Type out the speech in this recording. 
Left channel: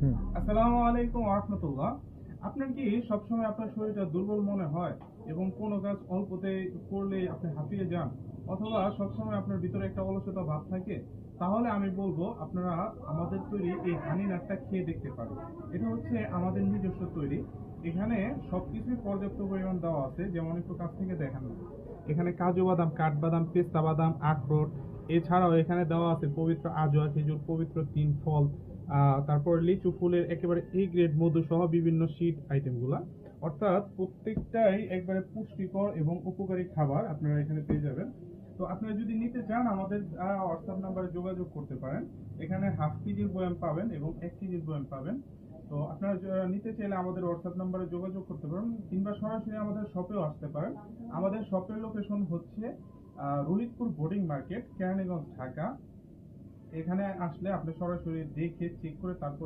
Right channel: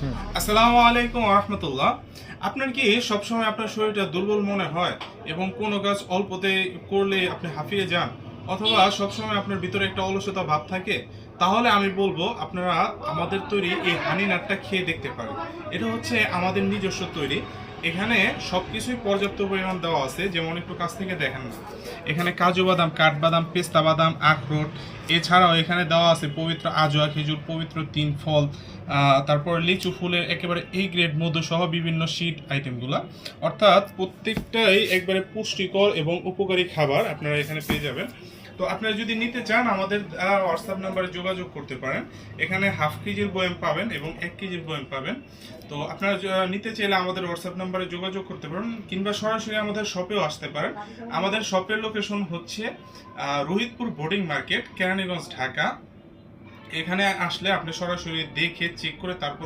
আসসালামু আলাইকুম রাহমাতুল্লাহ। আপনার কি সবসময় আপনার শরীরটা দুর্বল মনে হয় এবং কোনো কাজ অল্পতে করলে আপনি হাঁপিয়ে যান, অথবা সবসময় আপনার ভিতরে একটা অলসতা ভাব থাকে? তাহলে আমি বলবো আপনারা আমাদের তৈরি এই হানি নাটটা খেয়ে দেখতে পারেন। এটা হচ্ছে আমাদের নিজস্ব তৈরি। এখানে সবকিছুই পর্যাপ্ত পরিমাণ দেওয়া আছে, যেমন একটু কাছ থেকে দেখেন না। এখানে কাজু বাদাম, কাঠবাদাম, পেস্তা বাদাম, আখরোট, এছাড়াও এখানে দেওয়া আছে পবিত্র আজওয়া খেজুর, পবিত্র তিন ফল, তারপর লিচু ফুলের একেবারে এই গ্রেড মধু সহ বিভিন্ন শীট আইটেমগুলা। অর্থাৎ প্রত্যেকটাই একবারে পুষ্টিকর এবং উপকারী খাবার আপনারা এখানে পেয়ে যাবেন। তো আপনারা যদি নিতে চান আমাদের হোয়াটসঅ্যাপ নাম্বারে যোগাযোগ করতে পারেন। এখানে হাফ কেজির বয়াম পাবেন এবং 1 কেজির বয়াম পাবেন। তো আপনারা নিতে চাইলে আমাদের হোয়াটসঅ্যাপ নাম্বারে যোগাযোগ করতে পারেন, কিংবা সরাসরি আমাদের শপেও আসতে পারেন। আমাদের শপের লোকেশন হচ্ছে রোহিতপুর বোর্ডিং মার্কেট, কেরানীগঞ্জ, ঢাকা। এখানে আসলে আপনি সরাসরি দেখে চেক করে তারপর